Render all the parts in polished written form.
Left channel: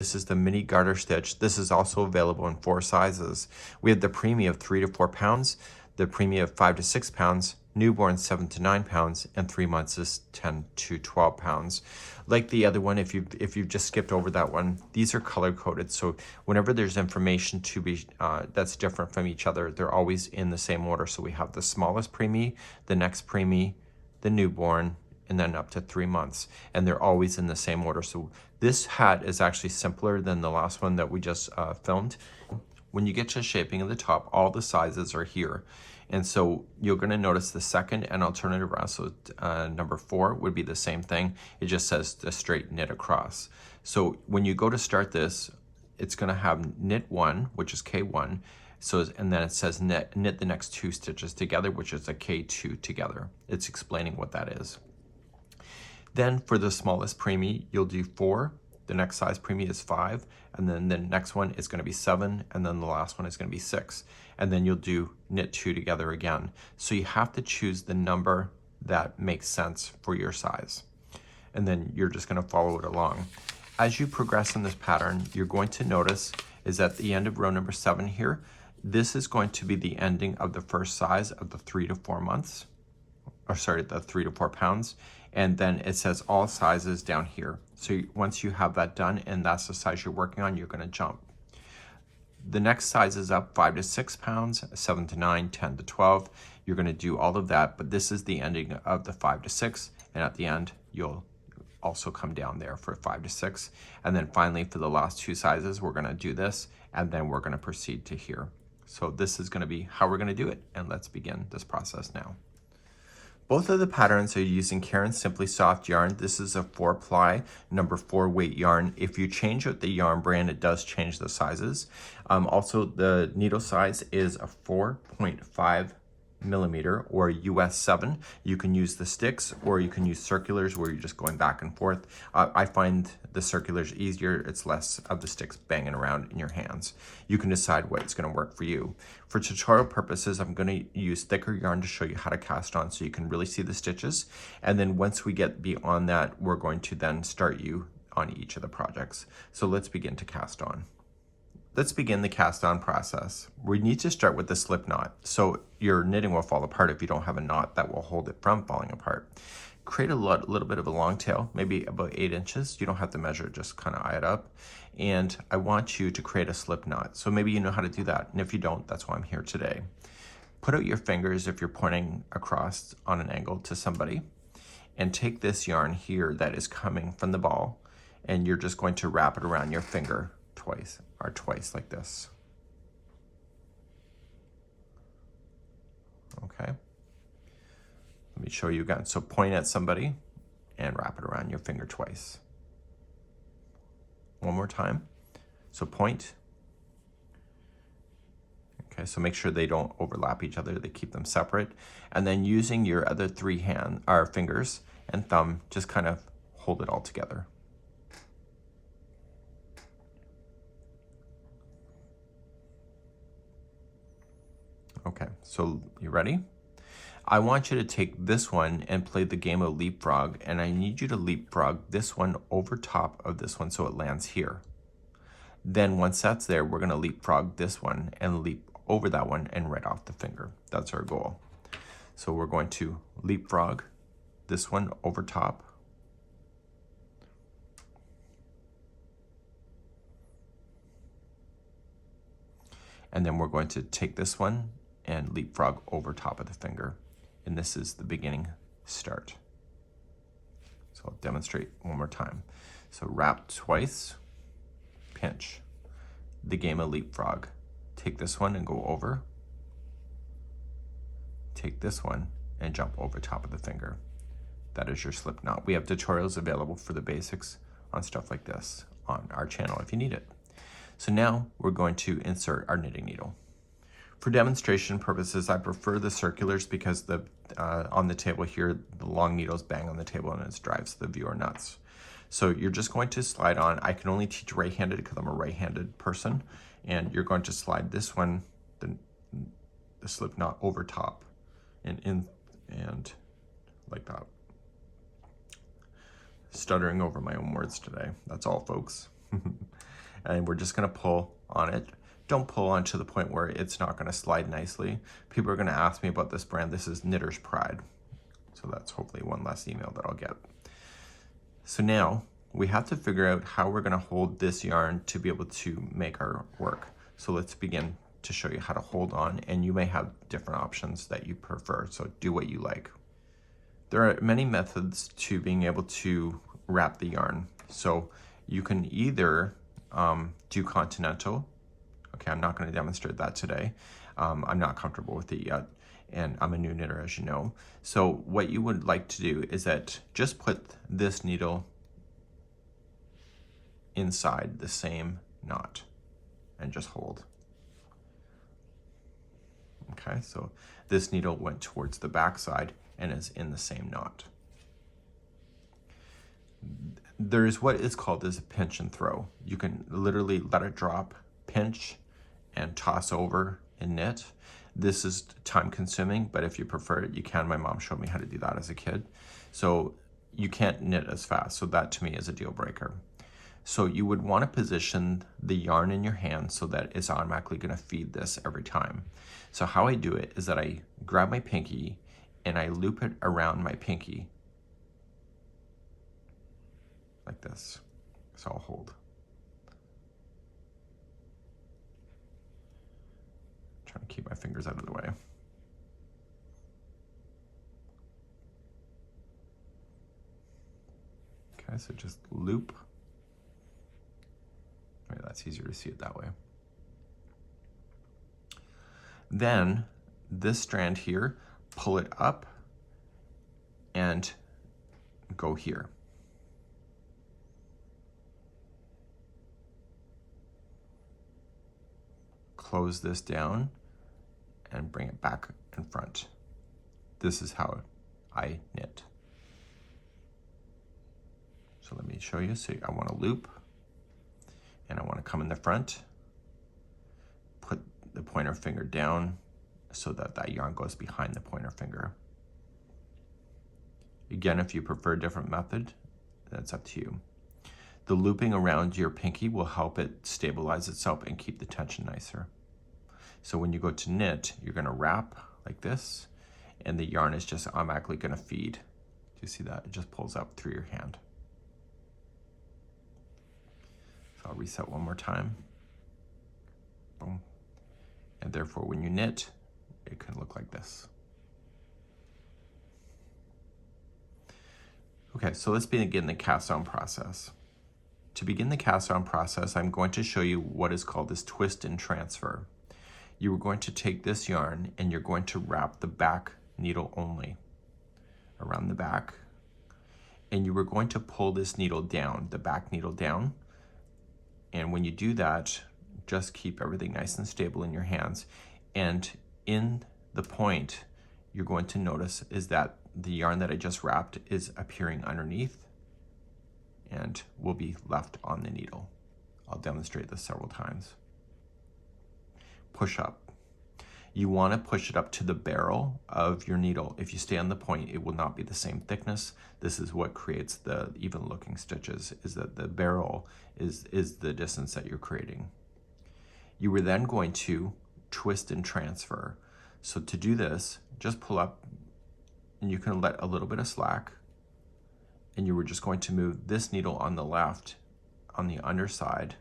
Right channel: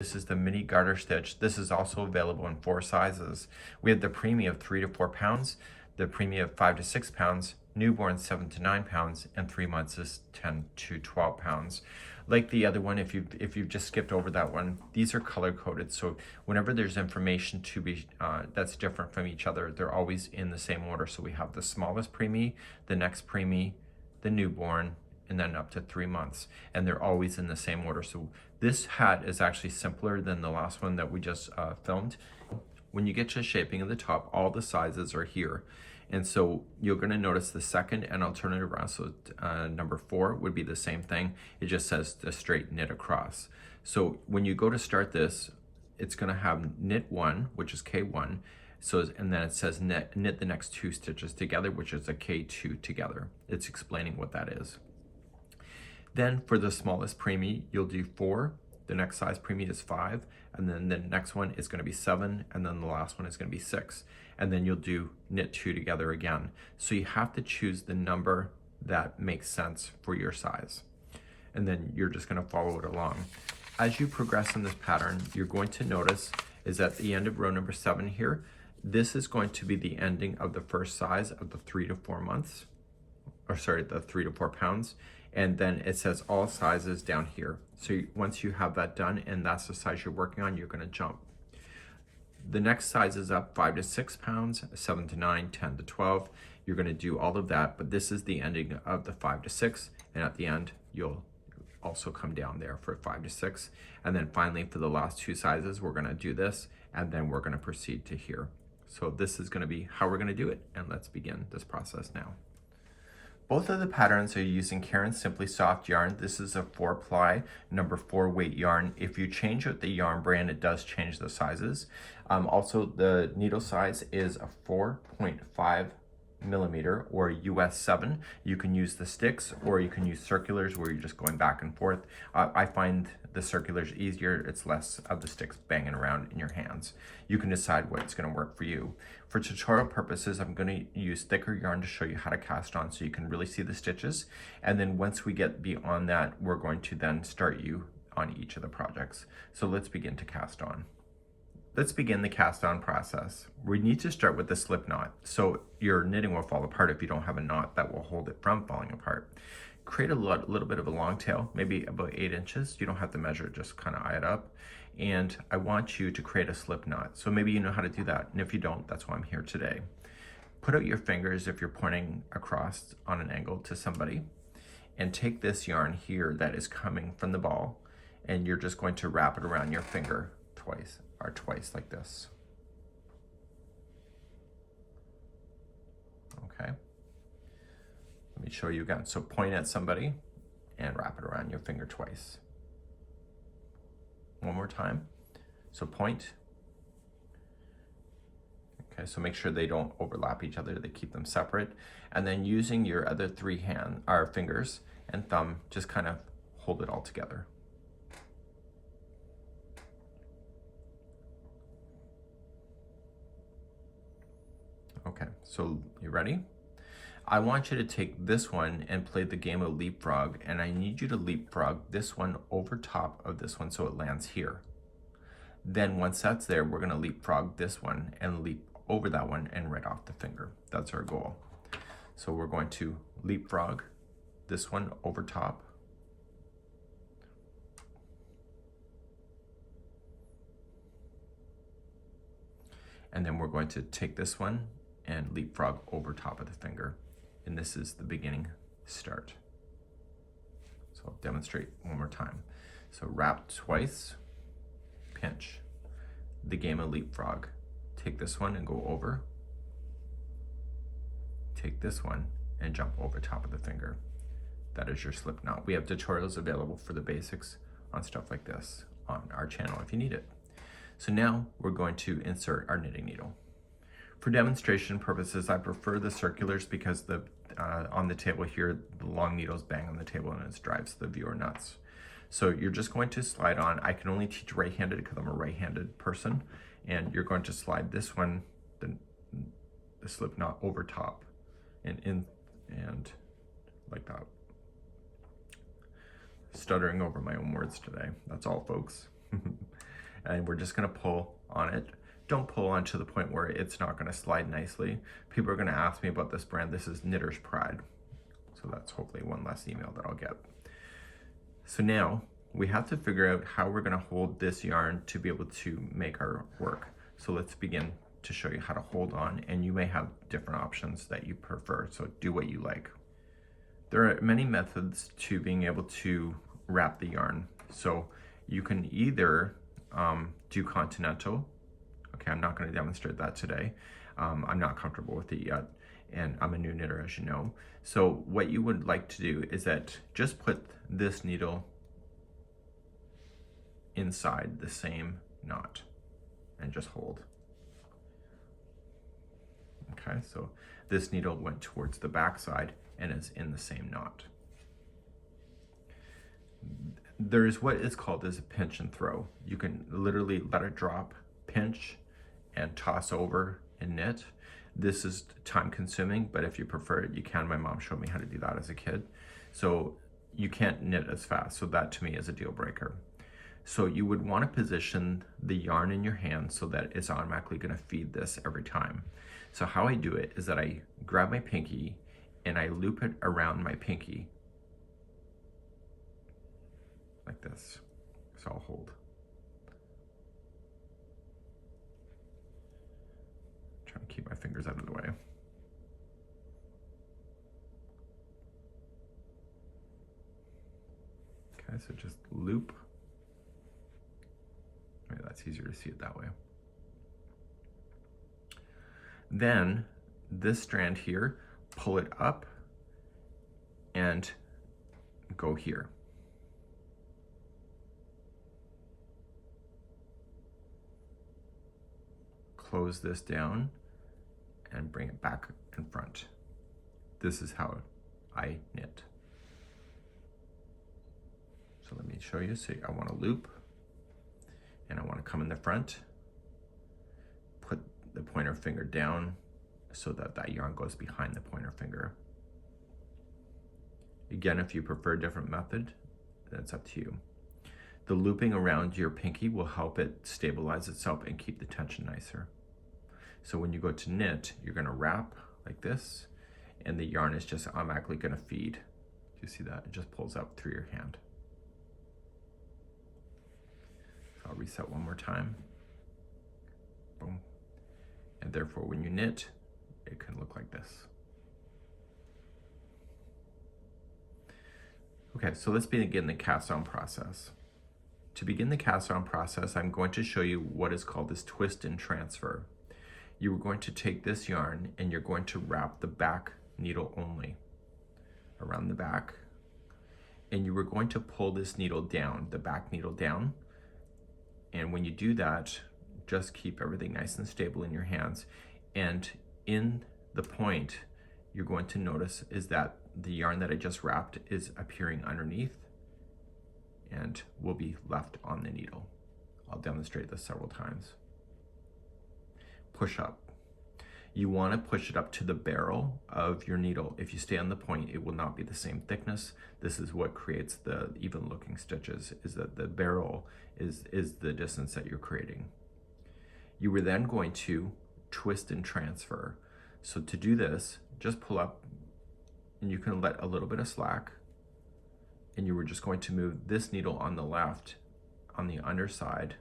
This is the mini garter stitch. This is also available in 4 sizes. We have the preemie of 3 to 4 pounds, the preemie of 5 to 6 pounds, newborn 7 to 9 pounds, and 3 months is 10 to 12 pounds. Like the other one, if you've just skipped over that one, these are color coded. So whenever there's information to be that's different from each other, they're always in the same order. So we have the smallest preemie, the next preemie, the newborn, and then up to 3 months, and they're always in the same order. So this hat is actually simpler than the last one that we just filmed. When you get to shaping of the top, all the sizes are here. And so you're gonna notice the second and alternative round. So number 4 would be the same thing. It just says the straight knit across. So when you go to start this, it's gonna have knit 1, which is K1. So, and then it says knit the next 2 stitches together, which is a K2 together. It's explaining what that is. Then for the smallest preemie, you'll do 4. The next size preemie is 5. And then the next one is going to be 7. And then the last one is going to be 6. And then you'll do knit 2 together again. So you have to choose the number that makes sense for your size. And then you're just going to follow it along. As you progress in this pattern, you're going to notice is at the end of row number 7 here, this is going to be the ending of the first size of the 3 to 4 months. Or sorry, the 3 to 4 pounds. And then it says all sizes down here. So once you have that done and that's the size you're working on, you're going to jump. The next size is up 5 to 6 pounds, 7 to 9, 10 to 12. You're going to do all of that, but this is the ending of the 5 to 6. And at the end, you'll also come down there for 5 to 6. And then finally, for the last 2 sizes, we're going to do this, and then we're going to proceed to here. So this is going to be how we're going to do it. And let's begin this process now. Both of the patterns are using Caron Simply Soft yarn. This is a 4-ply, number 4 weight yarn. If you change out the yarn brand, it does change the sizes. Also, the needle size is a 4.5 millimeter or US 7. You can use the sticks or you can use circulars where you're just going back and forth. I find the circulars easier. It's less of the sticks banging around in your hands. You can decide what's going to work for you. For tutorial purposes, I'm going to use thicker yarn to show you how to cast on so you can really see the stitches. And then once we get beyond that, we're going to then start you on each of the projects. So let's begin to cast on. Let's begin the cast on process. We need to start with the slip knot. So your knitting will fall apart if you don't have a knot that will hold it from falling apart. Create a little bit of a long tail, maybe about 8 inches. You don't have to measure, just kind of eye it up. And I want you to create a slip knot. So maybe you know how to do that. And if you don't, that's why I'm here today. Put out your fingers if you're pointing across on an angle to somebody. And take this yarn here that is coming from the ball. And you're just going to wrap it around your finger twice like this. Okay. Let me show you again. So point at somebody and wrap it around your finger twice. One more time. So point. Okay, so make sure they don't overlap each other. They keep them separate. And then using your other 3 fingers and thumb, just kind of hold it all together. Okay, so you ready? I want you to take this one and play the game of leapfrog, and I need you to leapfrog this one over top of this one so it lands here. Then once that's there, we're gonna leapfrog this one and leap over that one and right off the finger. That's our goal. So we're going to leapfrog this one over top. And then we're going to take this one and leapfrog over top of the finger. And this is the beginning start. So I'll demonstrate one more time. So wrap twice, pinch. The game of leapfrog. Take this one and go over. Take this one and jump over top of the finger. That is your slip knot. We have tutorials available for the basics on stuff like this on our channel if you need it. So now we're going to insert our knitting needle. For demonstration purposes, I prefer the circulars because on the table here, the long needles bang on the table and it drives the viewer nuts. So you're just going to slide on. I can only teach right-handed because I'm a right-handed person. And you're going to slide this one, the slip knot over top and in and like that. Stuttering over my own words today. That's all, folks. and we're just gonna pull on it. Don't pull on to the point where it's not gonna slide nicely. People are gonna ask me about this brand. This is Knitter's Pride. So that's hopefully one less email that I'll get. So now we have to figure out how we're gonna hold this yarn to be able to make our work. So let's begin to show you how to hold on, and you may have different options that you prefer, so do what you like. There are many methods to being able to wrap the yarn. So you can either do continental. Okay, I'm not going to demonstrate that today. I'm not comfortable with it yet, and I'm a new knitter, as you know. So what you would like to do is that just put this needle inside the same knot and just hold. Okay, so this needle went towards the back side and is in the same knot. There's what is called as a pinch and throw. You can literally let it drop, pinch, and toss over and knit. This is time consuming, but if you prefer it, you can. My mom showed me how to do that as a kid. So you can't knit as fast, so that to me is a deal breaker. So you would want to position the yarn in your hand so that it's automatically going to feed this every time. So how I do it is that I grab my pinky and I loop it around my pinky like this. So I'll hold. Trying to keep my fingers out of the way. Okay, so just loop. Maybe that's easier to see it that way. Then this strand here, pull it up and go here. Close this down and bring it back in front. This is how I knit. So let me show you. So I want to loop and I want to come in the front, put the pointer finger down so that that yarn goes behind the pointer finger. Again, if you prefer a different method, that's up to you. The looping around your pinky will help it stabilize itself and keep the tension nicer. So when you go to knit, you're going to wrap like this, and the yarn is just automatically going to feed. Do you see that? It just pulls out through your hand. So I'll reset one more time. Boom. And therefore, when you knit, it can look like this. Okay, so let's begin the cast on process. To begin the cast on process, I'm going to show you what is called this twist and transfer. You are going to take this yarn and you're going to wrap the back needle only around the back. And you are going to pull this needle down, the back needle down. And when you do that, just keep everything nice and stable in your hands. And in the point, you're going to notice is that the yarn that I just wrapped is appearing underneath and will be left on the needle. I'll demonstrate this several times. Push up. You want to push it up to the barrel of your needle. If you stay on the point, it will not be the same thickness. This is what creates the even looking stitches, is that the barrel is the distance that you're creating. You were then going to twist and transfer. So to do this, just pull up and you can let a little bit of slack, and you were just going to move this needle on the left on the underside,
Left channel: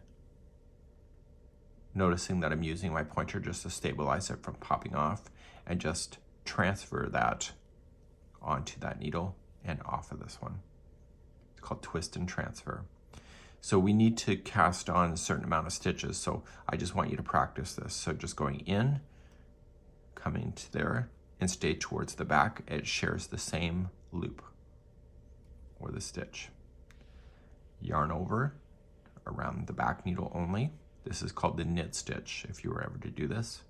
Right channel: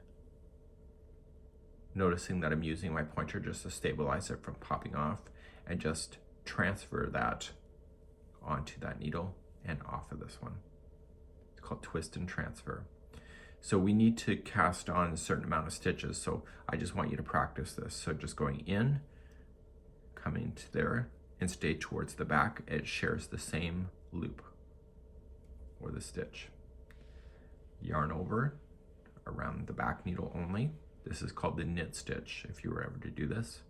noticing that I'm using my pointer just to stabilize it from popping off, and just transfer that onto that needle and off of this one. It's called twist and transfer. So we need to cast on a certain amount of stitches, so I just want you to practice this. So just going in, coming to there, and stay towards the back. It shares the same loop or the stitch. Yarn over around the back needle only. This is called the knit stitch if you were ever to do this.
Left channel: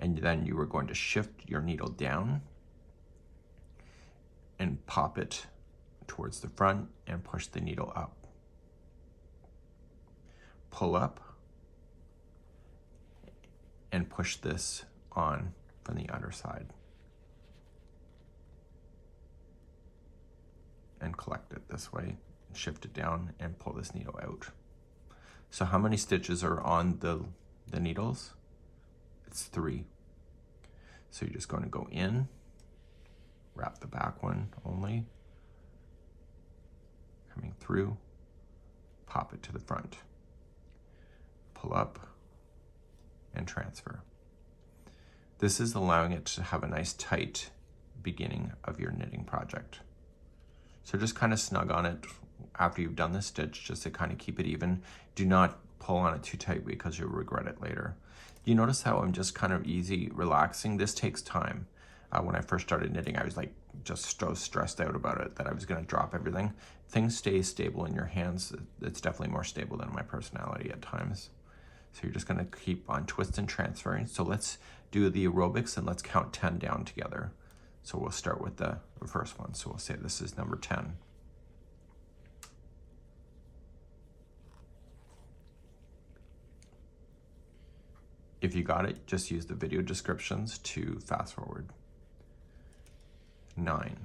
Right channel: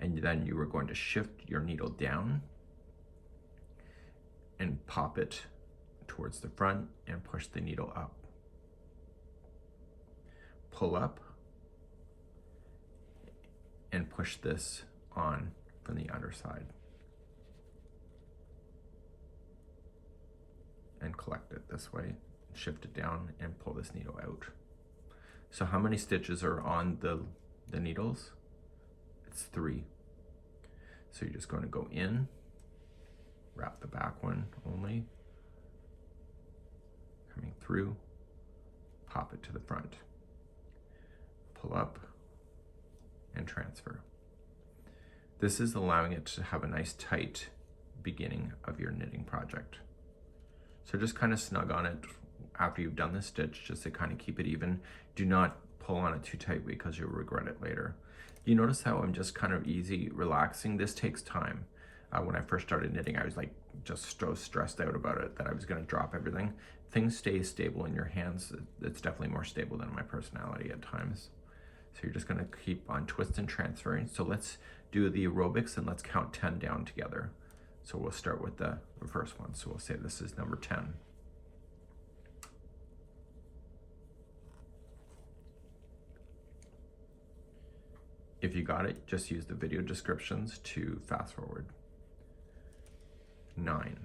And then you are going to shift your needle down and pop it towards the front and push the needle up. Pull up and push this on from the underside. And collect it this way, shift it down and pull this needle out. So how many stitches are on the needles? It's 3. So you're just going to go in, wrap the back one only, coming through, pop it to the front, pull up, and transfer. This is allowing it to have a nice tight beginning of your knitting project. So just kind of snug on it after you've done this stitch, just to kind of keep it even. Do not pull on it too tight because you'll regret it later. You notice how I'm just kind of easy, relaxing. This takes time. When I first started knitting, I was like just so stressed out about it that I was going to drop everything. Things stay stable in your hands. It's definitely more stable than my personality at times. So you're just going to keep on twist and transferring. So let's do the aerobics and let's count 10 down together. So we'll start with the first one. So we'll say this is number 10. If you got it, just use the video descriptions to fast forward. 9.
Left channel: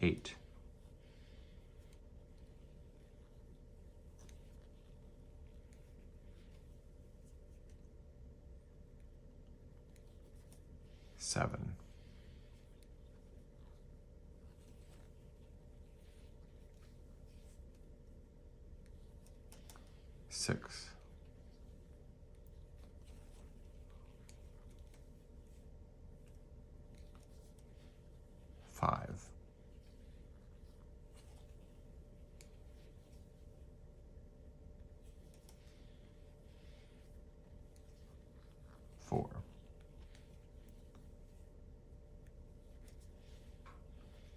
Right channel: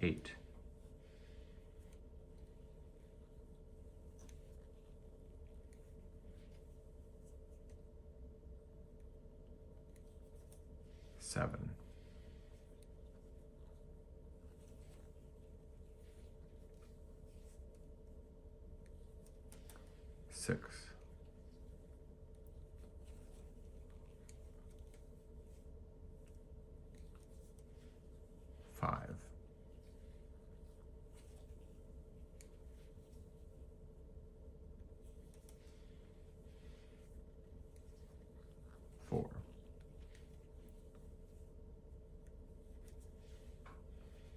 8. 7. 6. 5. 4.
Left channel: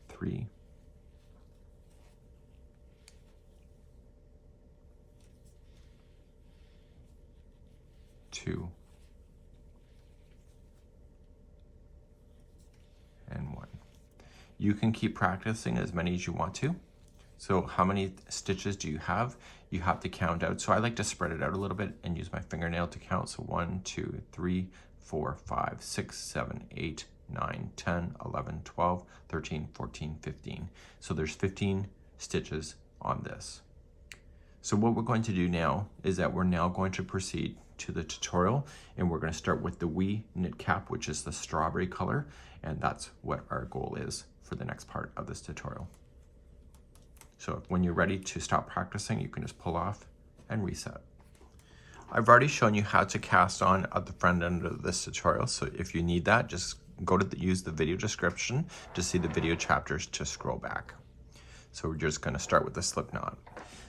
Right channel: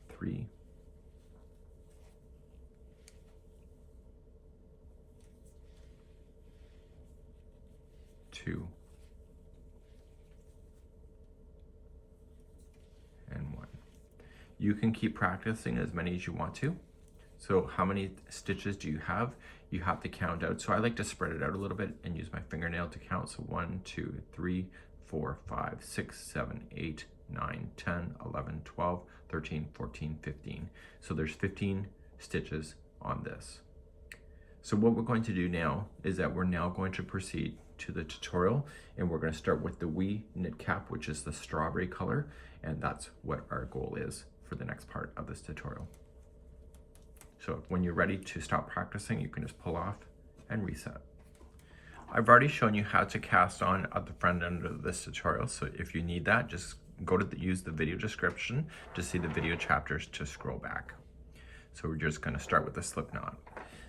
3. 2. And 1. You can keep practicing as many as you want to. So how many stitches do you have? You have to count out. So I like to spread it out a little bit and use my fingernail to count. So 1, 2, 3, 4, 5, 6, 7, 8, 9, 10, 11, 12, 13, 14, 15. So there's 15 stitches on this. So what we're going to do now is that we're now going to proceed to the tutorial, and we're going to start with the wee knit cap, which is the strawberry color, and that's what our goal is for the next part of this tutorial. So when you're ready to stop practicing, you can just pull off and reset. I've already shown you how to cast on at the front end of this tutorial, so if you need that, just go to use the video description to see the video chapters to scroll back. So we're just going to start with the slip knot.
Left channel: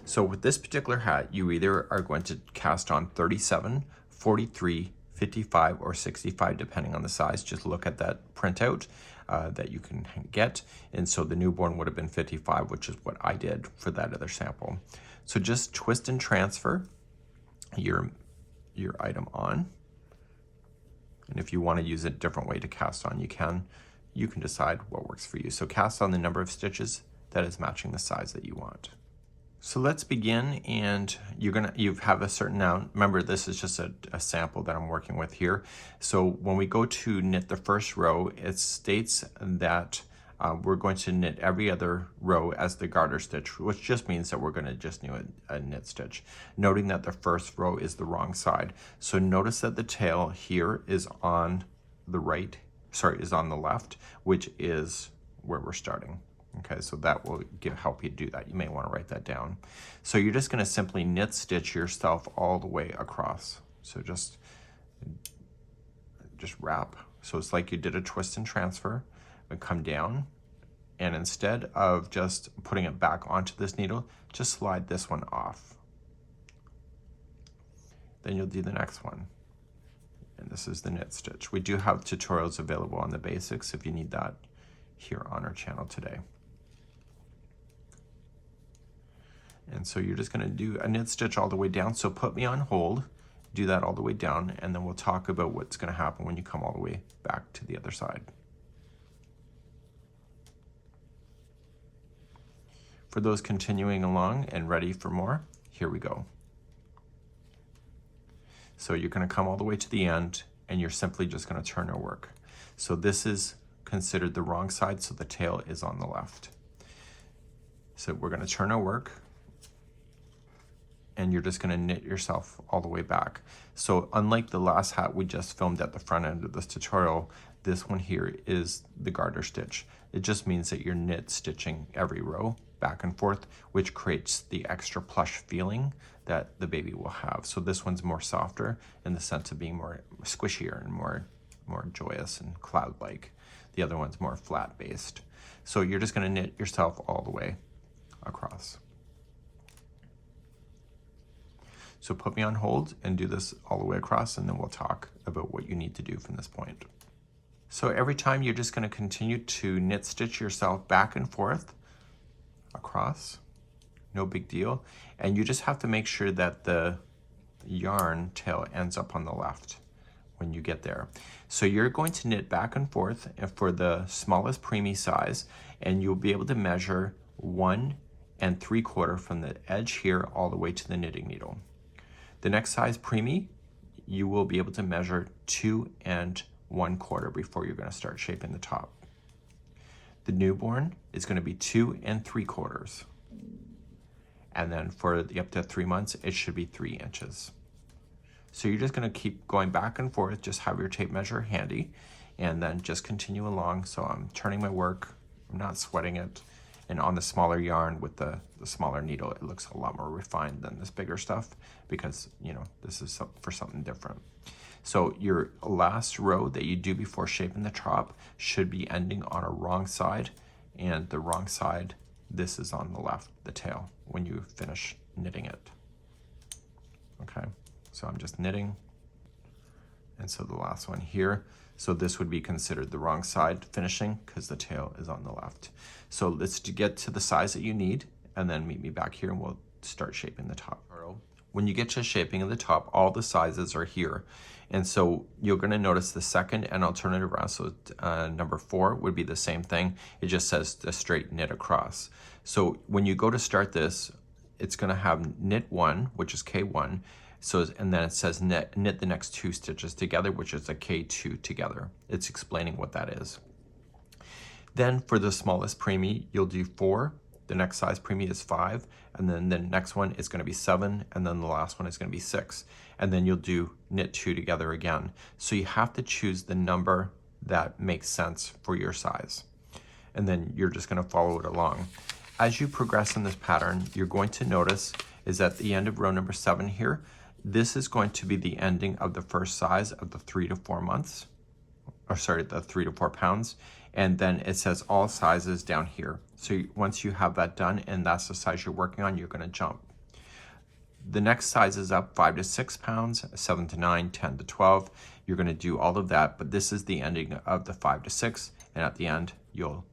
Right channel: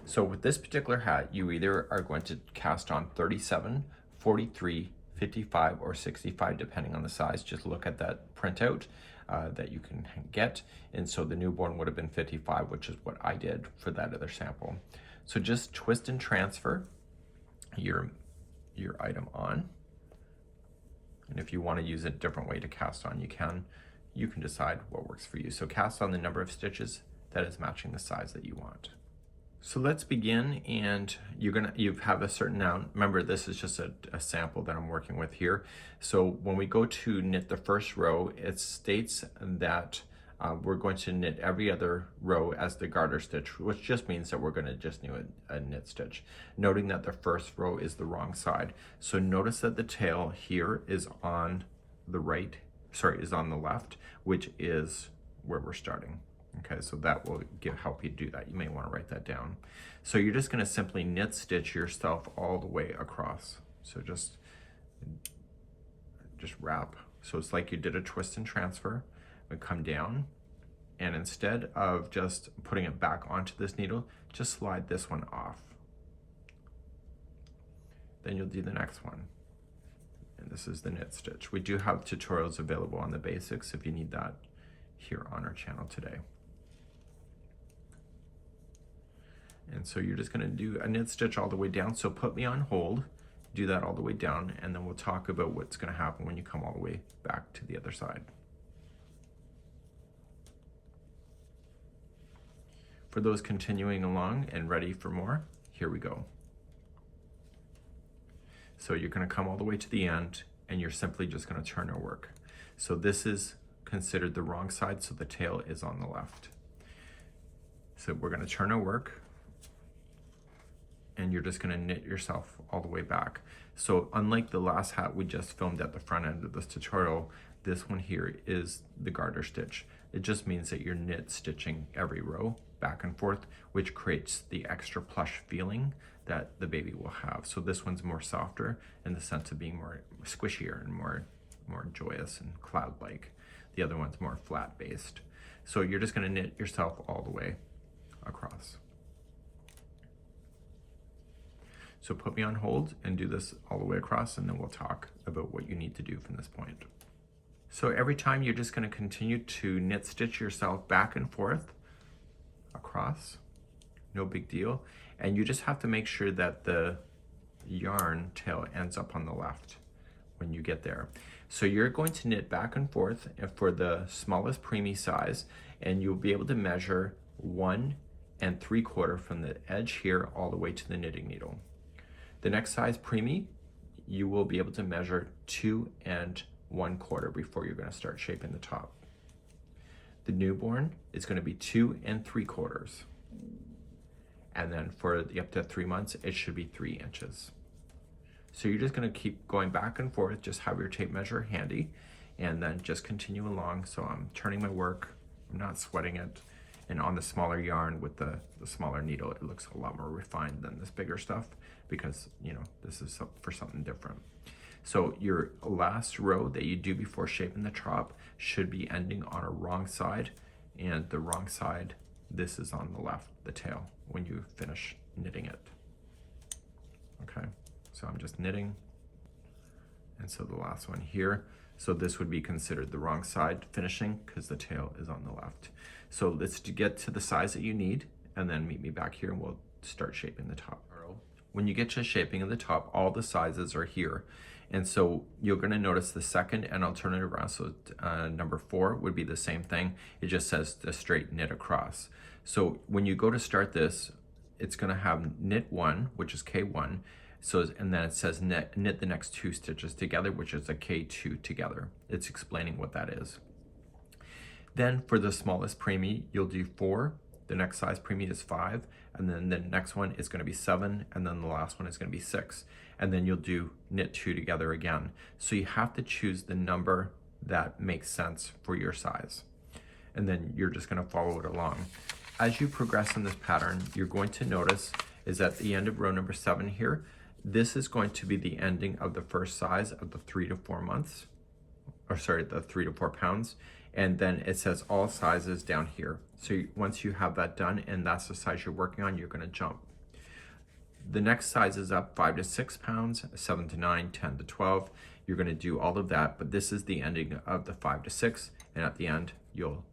So with this particular hat, you either are going to cast on 37, 43, 55, or 65, depending on the size. Just look at that printout that you can get. And so the newborn would have been 55, which is what I did for that other sample. So just twist and transfer your item on. And if you want to use a different way to cast on, you can decide what works for you. So cast on the number of stitches that is matching the size that you want. So let's begin, and you have a certain now. Remember, this is just a sample that I'm working with here. So when we go to knit the first row, it states that we're going to knit every other row as the garter stitch, which just means that we're going to just do a knit stitch, noting that the first row is the wrong side. So notice that the tail here is on the right, is on the left, which is where we're starting. Okay, so that will help you do that. You may want to write that down. So you're just going to simply knit stitch yourself all the way across. So just wrap. So it's like you did a twist and transfer, but come down, and instead of just putting it back onto this needle, just slide this one off. Then you'll do the next one. And this is the knit stitch. We do have tutorials available on the basics if you need that here on our channel today. And so you're just going to do a knit stitch all the way down. So put me on hold, do that all the way down, and then we'll talk about what's going to happen when you come all the way back to the other side. For those continuing along and ready for more, here we go. So you're going to come all the way to the end, and you're simply just going to turn our work. So this is considered the wrong side, so the tail is on the left. So we're going to turn our work, and you're just going to knit yourself all the way back. So unlike the last hat we just filmed at the front end of this tutorial, this one here is the garter stitch. It just means that you're knit stitching every row back and forth, which creates the extra plush feeling that the baby will have. So this one's more softer in the sense of being more squishier and more joyous and cloud-like. The other one's more flat-based. So you're just going to knit yourself all the way across. So put me on hold and do this all the way across, and then we'll talk about what you need to do from this point. So every time you're just going to continue to knit stitch yourself back and forth across, no big deal. And you just have to make sure that the yarn tail ends up on the left when you get there. So you're going to knit back and forth for the smallest preemie size, and you'll be able to measure 1 3/4 from the edge here all the way to the knitting needle. The next size preemie, you will be able to measure 2 1/4 before you're going to start shaping the top. The newborn is going to be 2 3/4. And then for the up to 3 months, it should be 3 inches. So you're just going to keep going back and forth, just have your tape measure handy, and then just continue along. So I'm turning my work, I'm not sweating it, and on the smaller yarn with the smaller needle, it looks a lot more refined than this bigger stuff because, you know, this is for something different. So your last row that you do before shaping the top should be ending on a wrong side, and the wrong side, this is on the left, the tail, when you finish knitting it. Okay, so I'm just knitting, and so the last one here, so this would be considered the wrong side finishing because the tail is on the left. So let's get to the size that you need, and then meet me back here and we'll start shaping the top. When you get to shaping of the top, all the sizes are here. And so you're going to notice the second, and I'll turn it around. So number 4 would be the same thing. It just says the straight knit across. So when you go to start this, it's going to have knit 1, which is K1. So, and then it says knit the next 2 stitches together, which is a K2 together. It's explaining what that is. Then for the smallest preemie, you'll do 4. The next size preemie is 5. And then the next one is going to be 7. And then the last one is going to be 6. And then you'll do knit 2 together again. So you have to choose the number that makes sense for your size. And then you're just going to follow it along. As you progress in this pattern, you're going to notice is at the end of row number 7 here, this is going to be the ending of the first size of the 3 to 4 months, or sorry, the 3 to 4 pounds. And then it says all sizes down here. So once you have that done and that's the size you're working on, you're going to jump. The next size is up 5 to 6 pounds, 7 to 9, 10 to 12. You're going to do all of that, but this is the ending of the 5 to 6. And at the end, you'll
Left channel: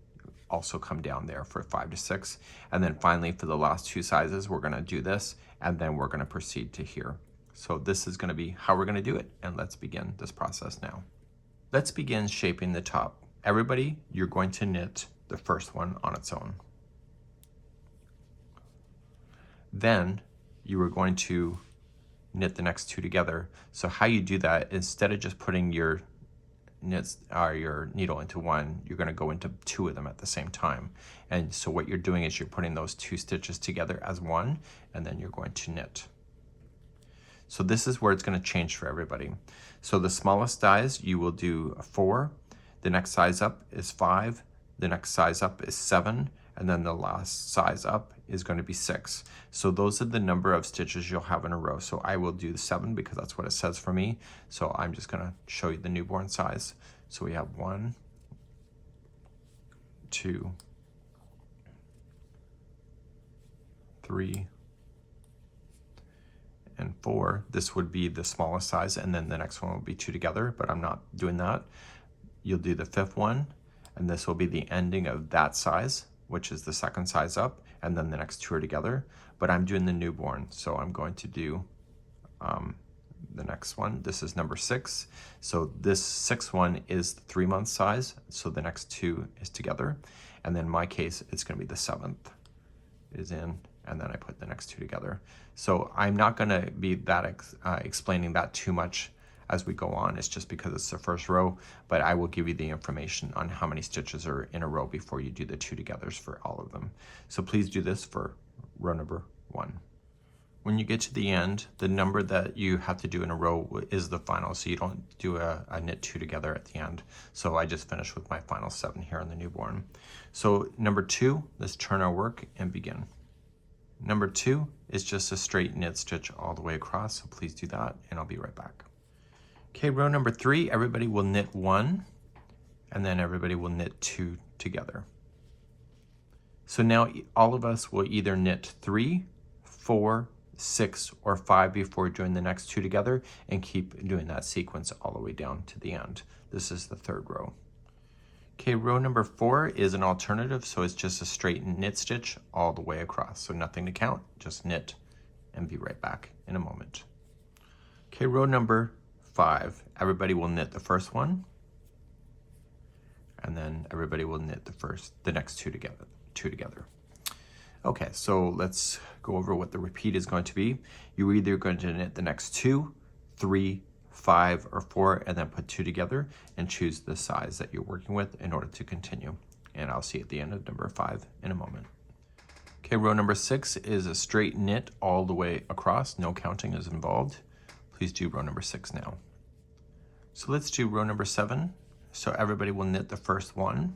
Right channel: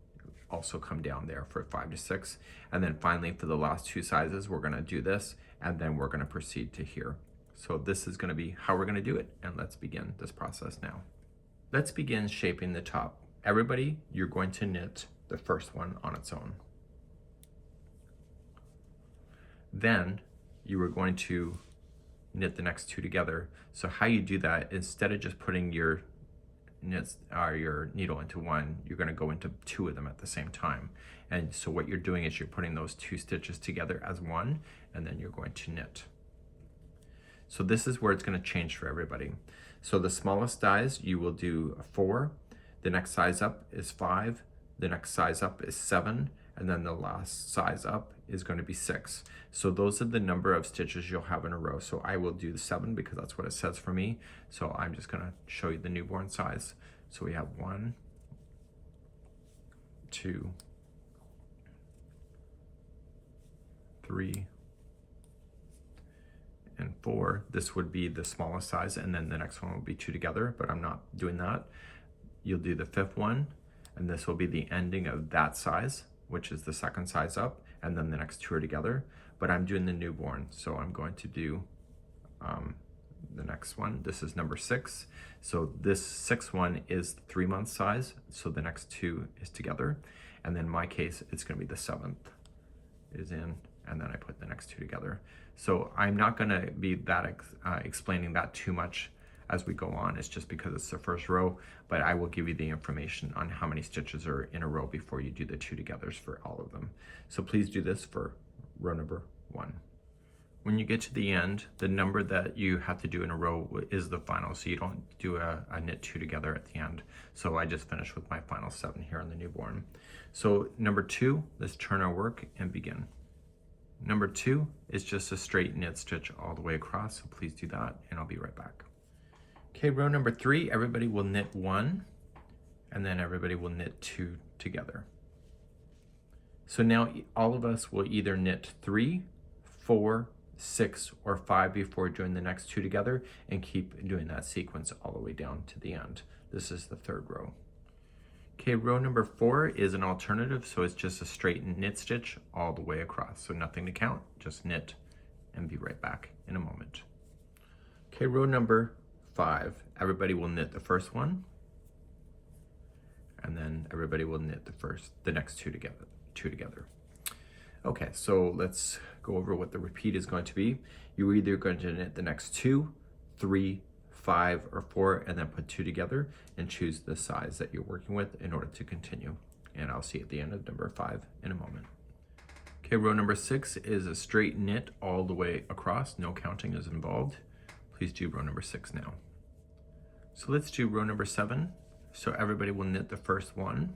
also come down there for 5 to 6. And then finally, for the last 2 sizes, we're going to do this, and then we're going to proceed to here. So this is going to be how we're going to do it. And let's begin this process now. Let's begin shaping the top. Everybody, you're going to knit the first one on its own. Then you are going to knit the next 2 together. So how you do that, instead of just putting your your needle into one, you're going to go into 2 of them at the same time. And so what you're doing is you're putting those 2 stitches together as one, and then you're going to knit. So this is where it's going to change for everybody. So the smallest size, you will do 4. The next size up is 5. The next size up is 7. And then the last size up is going to be 6. So those are the number of stitches you'll have in a row. So I will do 7 because that's what it says for me. So I'm just going to show you the newborn size. So we have 1, 2, 3, and 4. This would be the smallest size, and then the next one will be 2 together, but I'm not doing that. You'll do the 5th one, and this will be the ending of that size, which is the second size up, and then the next 2 are together. But I'm doing the newborn, so I'm going to do the next one. This is number 6. So this 6th one is the 3-month size, so the next 2 is together. And then in my case, it's going to be the 7th is in, and then I put the next 2 together. So I'm not going to be that explaining that too much as we go on. It's just because it's the first row, but I will give you the information on how many stitches are in a row before you do the 2 togethers for all of them. So please do this for row number 1. When you get to the end, the number that you have to do in a row is the final, so you don't do a knit 2 together at the end. So I just finished with my final 7 here in the newborn. So number 2, let's turn our work and begin. Number 2 is just a straight knit stitch all the way across, so please do that, and I'll be right back. Okay, row number 3, everybody will knit 1, and then everybody will knit 2 together. So now all of us will either knit 3, 4, 6, or 5 before doing the next 2 together, and keep doing that sequence all the way down to the end. This is the 3rd row. Okay, row number 4 is an alternative, so it's just a straight knit stitch all the way across. So nothing to count, just knit, and be right back in a moment. Okay, row number 5, everybody will knit the first one, and then everybody will knit the next 2 together. Okay, so let's go over what the repeat is going to be. You're either going to knit the next 2, 3, 5, or 4, and then put 2 together and choose the size that you're working with in order to continue. And I'll see you at the end of number 5 in a moment. Okay, row number 6 is a straight knit all the way across. No counting is involved. Please do row number 6 now. So let's do row number 7. So everybody will knit the first one,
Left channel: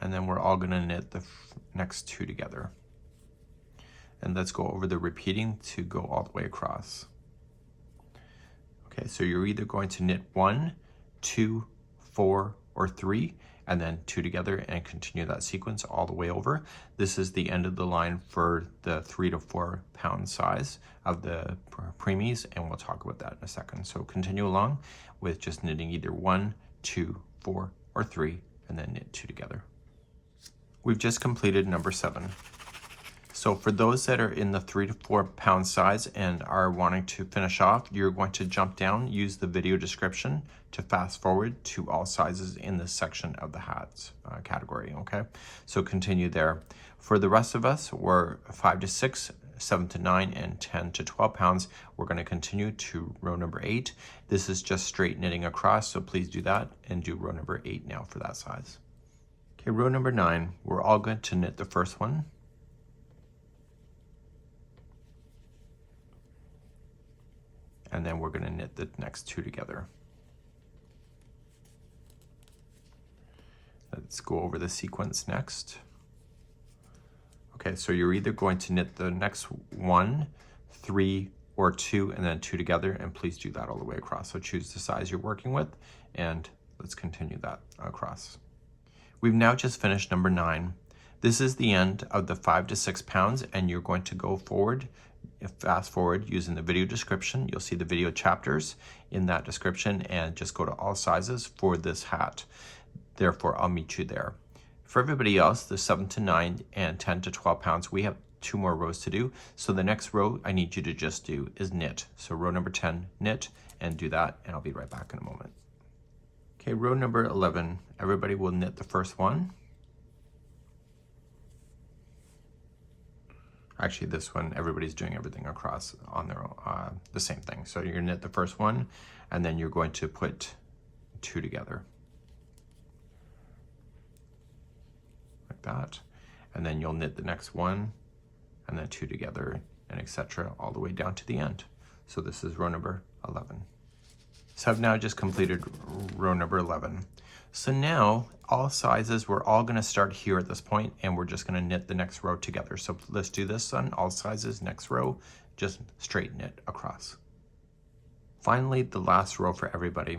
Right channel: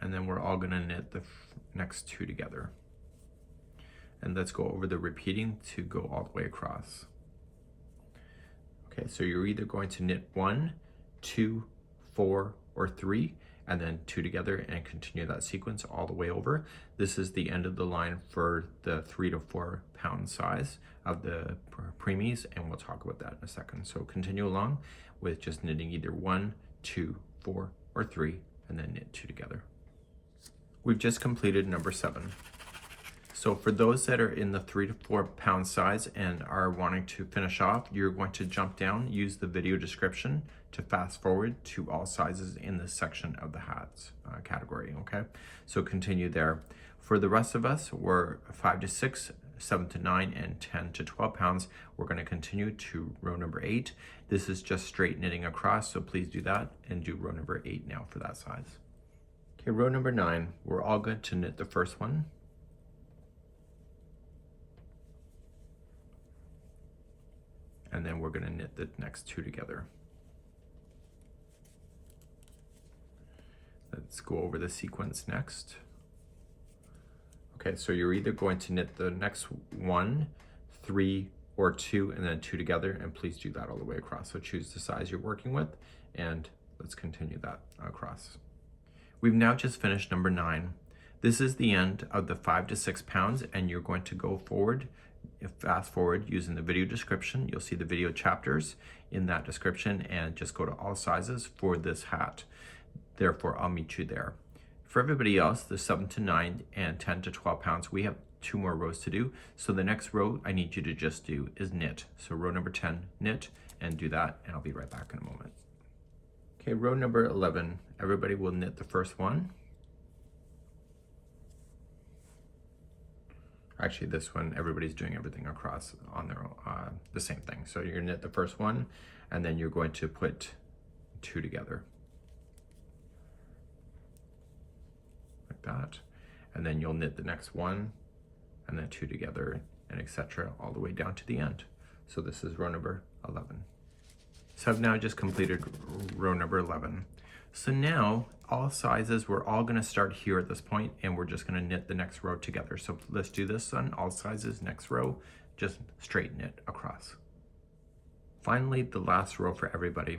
and then we're all gonna knit the next 2 together. And let's go over the repeating to go all the way across. Okay, so you're either going to knit 1, 2, 4, or 3, and then 2 together and continue that sequence all the way over. This is the end of the line for the 3 to 4 pound size of the preemies, and we'll talk about that in a second. So continue along with just knitting either 1, 2, 4, or 3, and then knit 2 together. We've just completed number 7. So for those that are in the 3 to 4 pound size and are wanting to finish off, you're going to jump down, use the video description to fast forward to all sizes in this section of the hats category, okay? So continue there. For the rest of us, we're 5 to 6, 7 to 9, and 10 to 12 pounds. We're gonna continue to row number 8. This is just straight knitting across, so please do that and do row number 8 now for that size. Okay, row number 9, we're all going to knit the first one. And then we're gonna knit the next 2 together. Let's go over the sequence next. Okay, so you're either going to knit the next 1, 3, or 2, and then 2 together, and please do that all the way across. So choose the size you're working with, and let's continue that across. We've now just finished number 9. This is the end of the 5 to 6 pounds, and you're going to go forward, fast forward using the video description. You'll see the video chapters in that description, and just go to all sizes for this hat. Therefore, I'll meet you there. For everybody else, the 7 to 9 and 10 to 12 pounds, we have 2 more rows to do. So the next row I need you to just do is knit. So row number 10, knit, and do that, and I'll be right back in a moment. Okay, row number 11, everybody will knit the first one. Actually, this one, everybody's doing everything across on their own, the same thing. So you knit the first one, and then you're going to put 2 together. Like that. And then you'll knit the next one, and then 2 together, and etc. all the way down to the end. So this is row number 11. So I've now just completed row number 11. So now, all sizes, we're all gonna start here at this point, and we're just gonna knit the next row together. So let's do this on all sizes, next row, just straight knit across. Finally, the last row for everybody.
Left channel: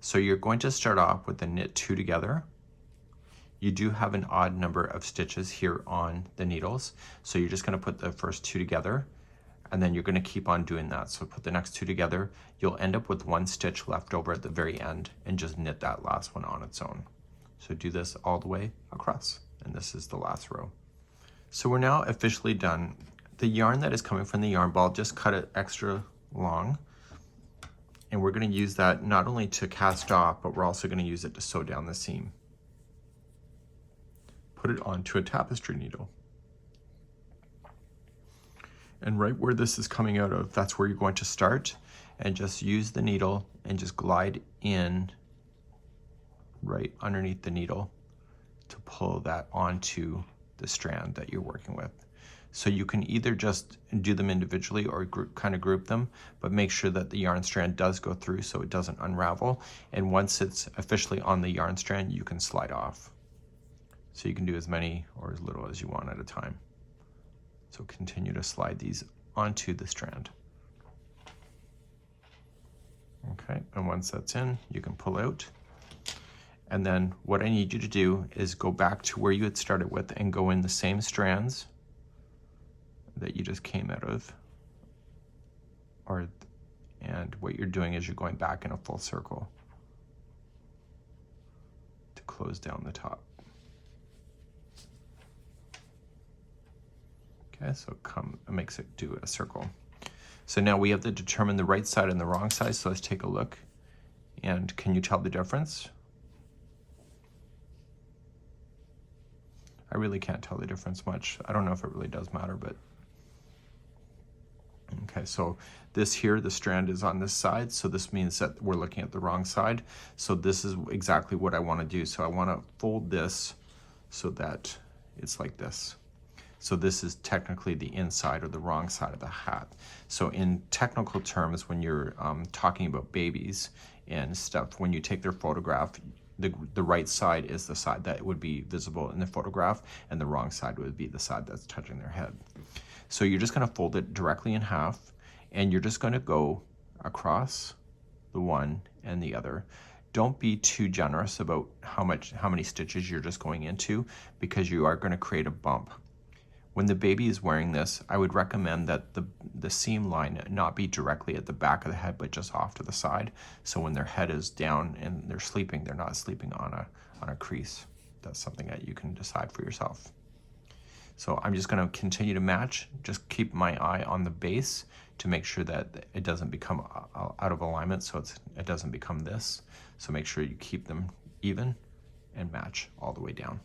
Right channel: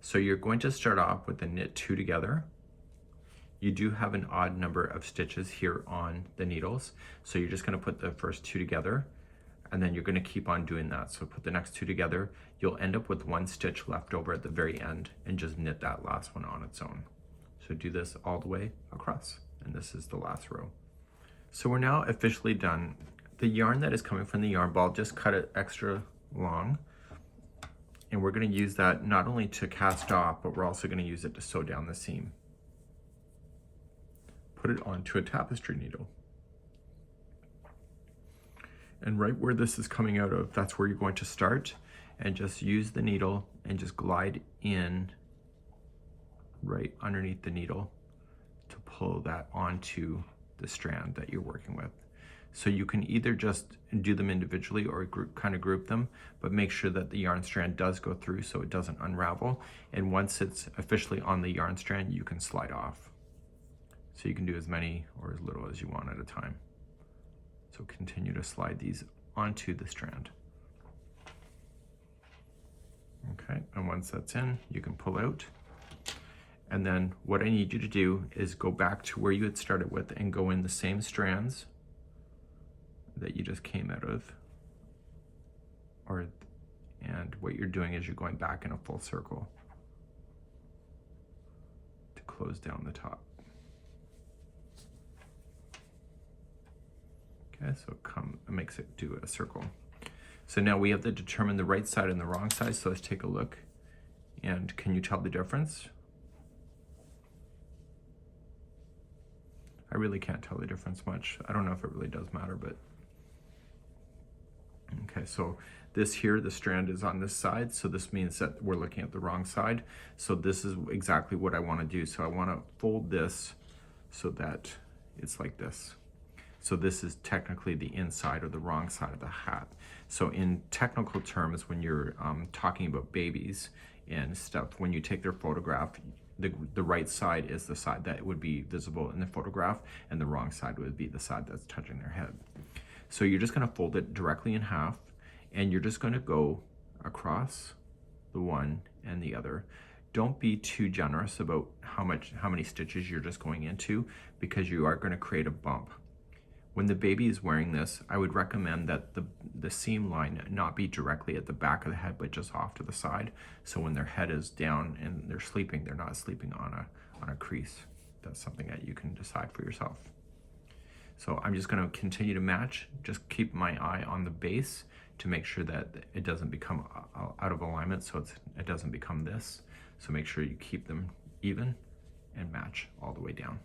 So you're going to start off with the knit 2 together. You do have an odd number of stitches here on the needles. So you're just gonna put the first 2 together, and then you're gonna keep on doing that. So put the next 2 together, you'll end up with 1 stitch left over at the very end, and just knit that last one on its own. So do this all the way across, and this is the last row. So we're now officially done. The yarn that is coming from the yarn ball, just cut it extra long, and we're gonna use that not only to cast off, but we're also gonna use it to sew down the seam. Put it onto a tapestry needle. And right where this is coming out of, that's where you're going to start. and just use the needle and just glide in right underneath the needle to pull that onto the strand that you're working with. So you can either just do them individually or kind of group them, but make sure that the yarn strand does go through so it doesn't unravel. And once it's officially on the yarn strand, you can slide off. So you can do as many or as little as you want at a time. So continue to slide these onto the strand. Okay, and once that's in, you can pull out. And then what I need you to do is go back to where you had started with and go in the same strands that you just came out of. And what you're doing is you're going back in a full circle to close down the top. Okay, so it makes it do a circle. So now we have to determine the right side and the wrong side, so let's take a look. And can you tell the difference? I really can't tell the difference much. I don't know if it really does matter, but okay, so this here, the strand is on this side, so this means that we're looking at the wrong side. So this is exactly what I want to do. So I want to fold this so that it's like this. So this is technically the inside or the wrong side of the hat. So in technical terms, when you're talking about babies and stuff, when you take their photograph, the right side is the side that would be visible in the photograph, and the wrong side would be the side that's touching their head. So you're just going to fold it directly in half, and you're just going to go across the one and the other. Don't be too generous about how many stitches you're just going into, because you are going to create a bump. When the baby is wearing this, I would recommend that the seam line not be directly at the back of the head, but just off to the side. So when their head is down and they're sleeping, they're not sleeping on a crease. That's something that you can decide for yourself. So I'm just going to continue to match. Just keep my eye on the base to make sure that it doesn't become out of alignment, so it doesn't become this. So make sure you keep them even and match all the way down.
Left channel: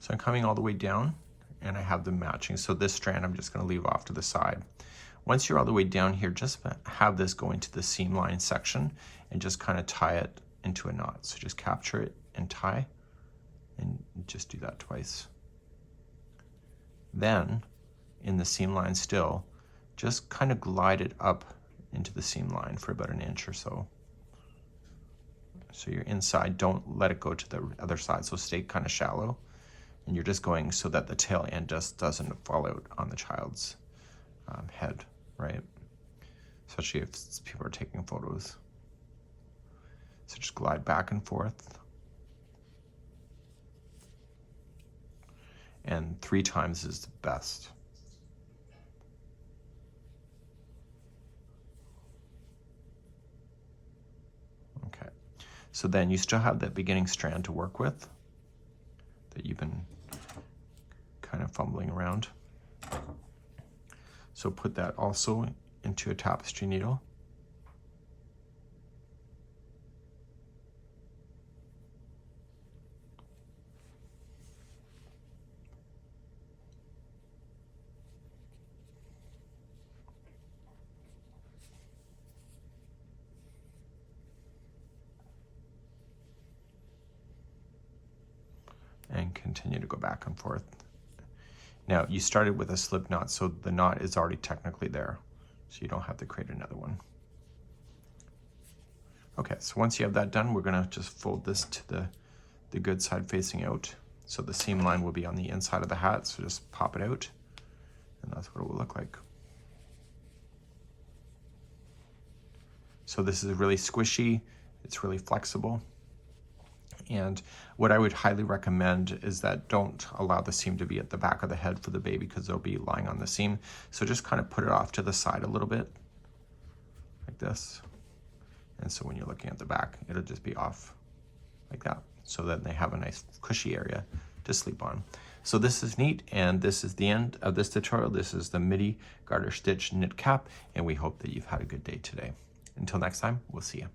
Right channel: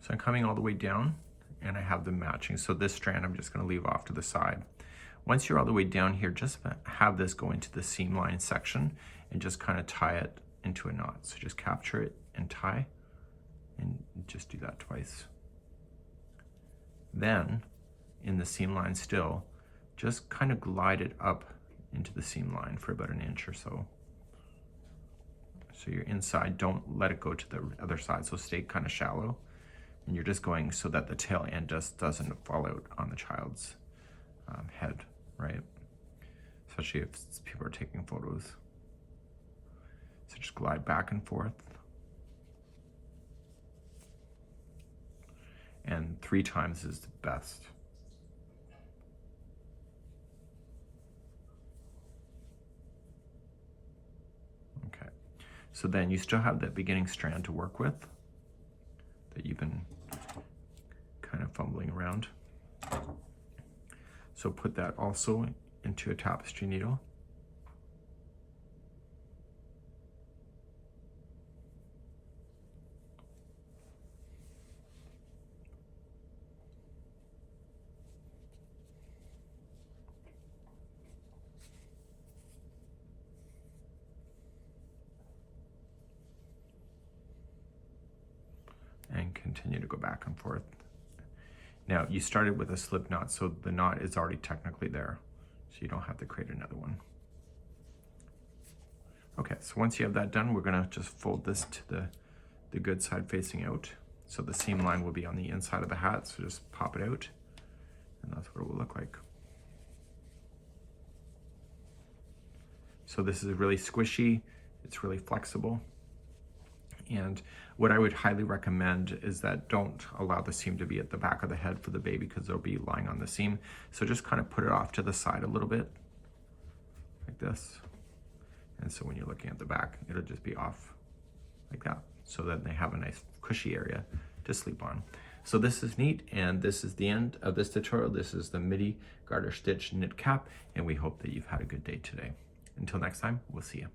So I'm coming all the way down, and I have them matching. So this strand I'm just going to leave off to the side. Once you're all the way down here, just have this go into the seam line section and just kind of tie it into a knot. So just capture it and tie, and just do that twice. Then in the seam line still, just kind of glide it up into the seam line for about 1 inch or so. So you're inside, don't let it go to the other side, so stay kind of shallow. And you're just going so that the tail end just doesn't fall out on the child's head, right? Especially if people are taking photos. So just glide back and forth. And 3 times is the best. Okay, so then you still have that beginning strand to work with that you've been kind of fumbling around. So put that also into a tapestry needle. And continue to go back and forth. Now you started with a slip knot, so the knot is already technically there, so you don't have to create another one. Okay, so once you have that done, we're gonna just fold this to the good side facing out. So the seam line will be on the inside of the hat, so just pop it out, and that's what it will look like. So this is really squishy, it's really flexible. And what I would highly recommend is that don't allow the seam to be at the back of the head for the baby, because they'll be lying on the seam. So just kind of put it off to the side a little bit, like this. And so when you're looking at the back, it'll just be off like that, so that they have a nice cushy area to sleep on. So this is neat, and this is the end of this tutorial. This is the midi garter stitch knit cap, and we hope that you've had a good day today. Until next time, we'll see you.